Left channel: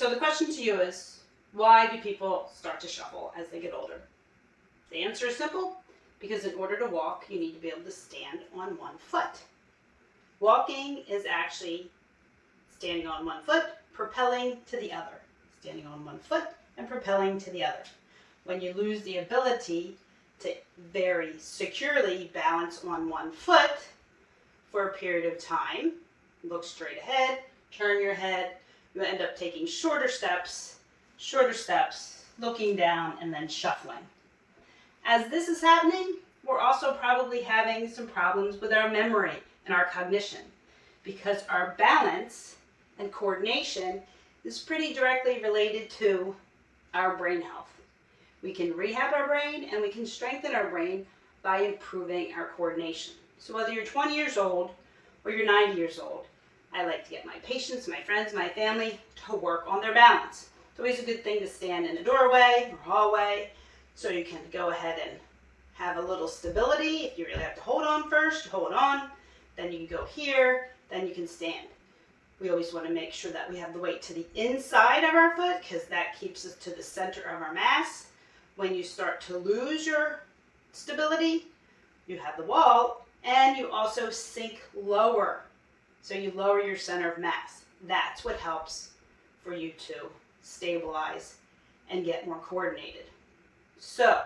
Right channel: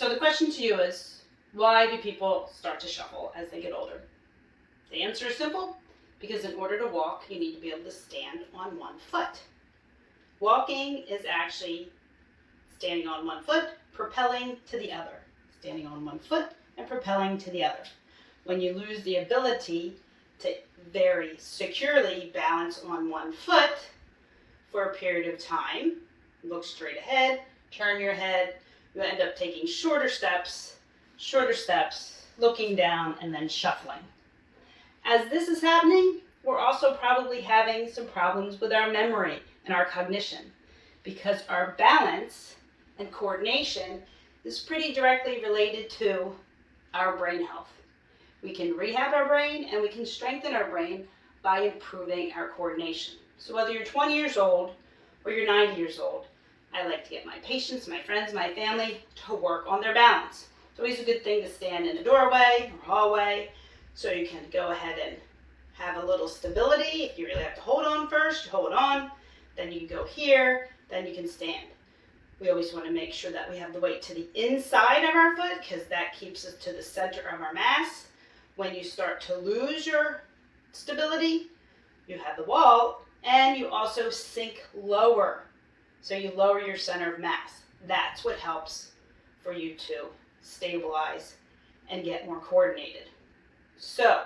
So the question to you is, why do people start to shuffle as they get older? The answer is simple, because in order to walk, you need to be able to stand on one foot. Walking is actually standing on one foot, propelling to the other. Standing on one foot and propelling to the other. When you lose the ability to very securely balance on one foot for a period of time, look straight ahead, turn your head, you end up taking shorter steps, looking down, and then shuffling. As this is happening, we're also probably having some problems with our memory and our cognition, because our balance and coordination is pretty directly related to our brain health. We can rehab our brain and we can strengthen our brain by improving our coordination. So whether you're 20 years old or you're 90 years old, I like to get my patients, my friends, my family to work on their balance. It's always a good thing to stand in a doorway or hallway so you can go ahead and have a little stability. If you really have to hold on first, hold on. Then you can go here, then you can stand. We always want to make sure that we have the weight to the inside of our foot because that keeps us to the center of our mass. When you start to lose your stability, you have the wall and you also sink lower. So you lower your center of mass. That's what helps for you to stabilize and get more coordinated. So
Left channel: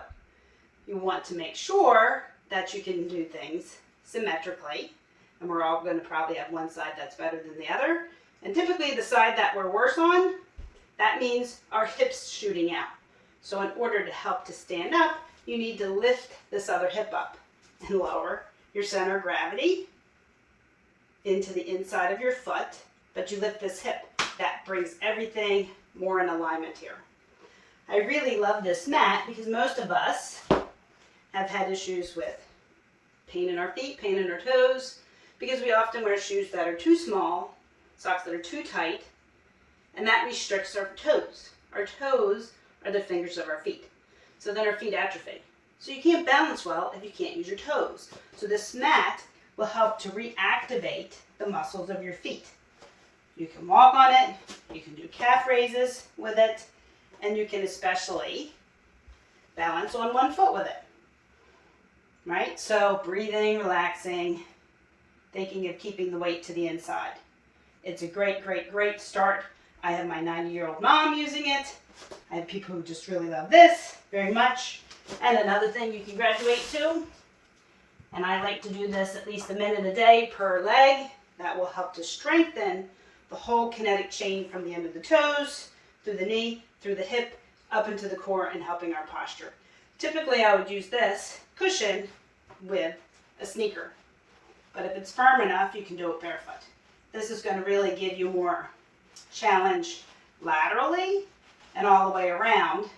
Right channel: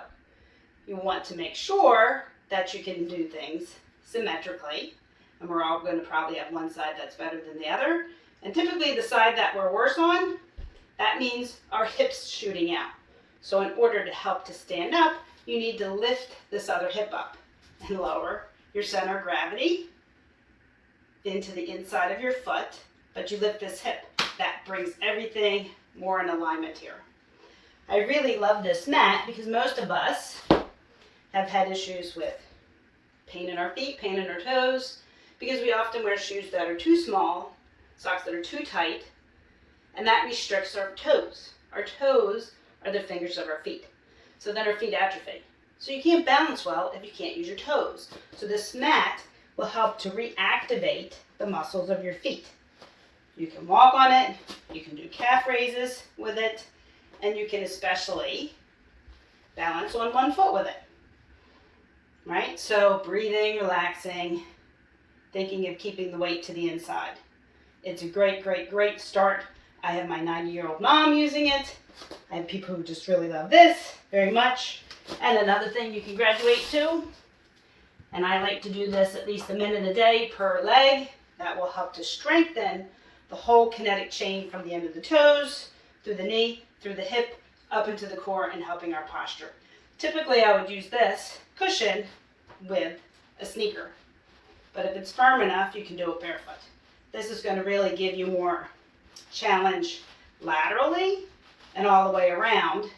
you want to make sure that you can do things symmetrically. And we're all going to probably have one side that's better than the other. And typically the side that we're worse on, that means our hips shooting out. So in order to help to stand up, you need to lift this other hip up and lower your center of gravity into the inside of your foot, but you lift this hip. That brings everything more in alignment here. I really love this mat because most of us have had issues with pain in our feet, pain in our toes, because we often wear shoes that are too small, socks that are too tight, and that restricts our toes. Our toes are the fingers of our feet. So then our feet atrophy. So you can't balance well if you can't use your toes. So this mat will help to reactivate the muscles of your feet. You can walk on it, you can do calf raises with it, and you can especially balance on one foot with it. Right? So breathing, relaxing, thinking of keeping the weight to the inside. It's a great, great, great start. I have my 90-year-old mom using it. I have people who just really love this very much. And another thing you can graduate to, and I like to do this at least a minute a day per leg. That will help to strengthen the whole kinetic chain from the end of the toes, through the knee, through the hip, up into the core, and helping our posture. Typically, I would use this cushion with a sneaker. But if it's firm enough, you can do it barefoot. This is going to really give you more challenge laterally and all the way around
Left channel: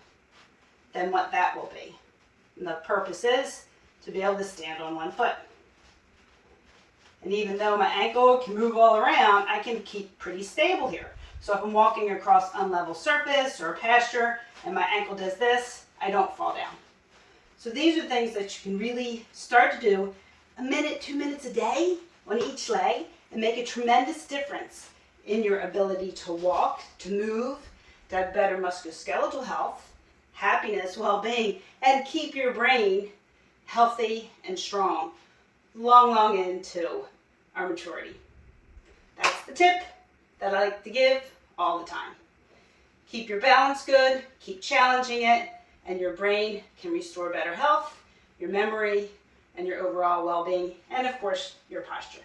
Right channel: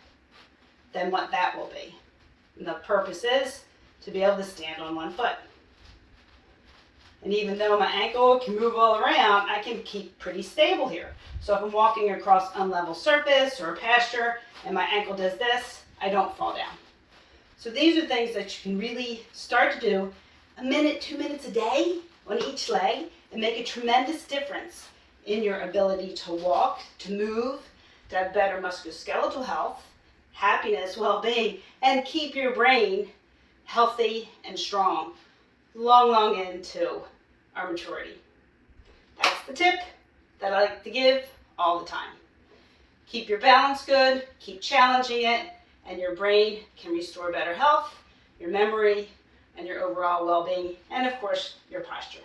than what that will be. And the purpose is to be able to stand on one foot. And even though my ankle can move all around, I can keep pretty stable here. So if I'm walking across unlevel surface or a pasture and my ankle does this, I don't fall down. So these are things that you can really start to do a minute, 2 minutes a day on each leg and make a tremendous difference in your ability to walk, to move, to have better musculoskeletal health, happiness, well-being, and keep your brain healthy and strong long, long into our maturity. That's the tip that I like to give all the time. Keep your balance good, keep challenging it, and your brain can restore better health, your memory, and your overall well-being, and of course, your posture.